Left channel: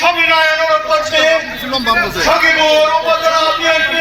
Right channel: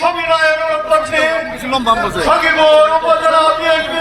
সবিনয় অনুরোধ করছি। সখীপুর উপজেলা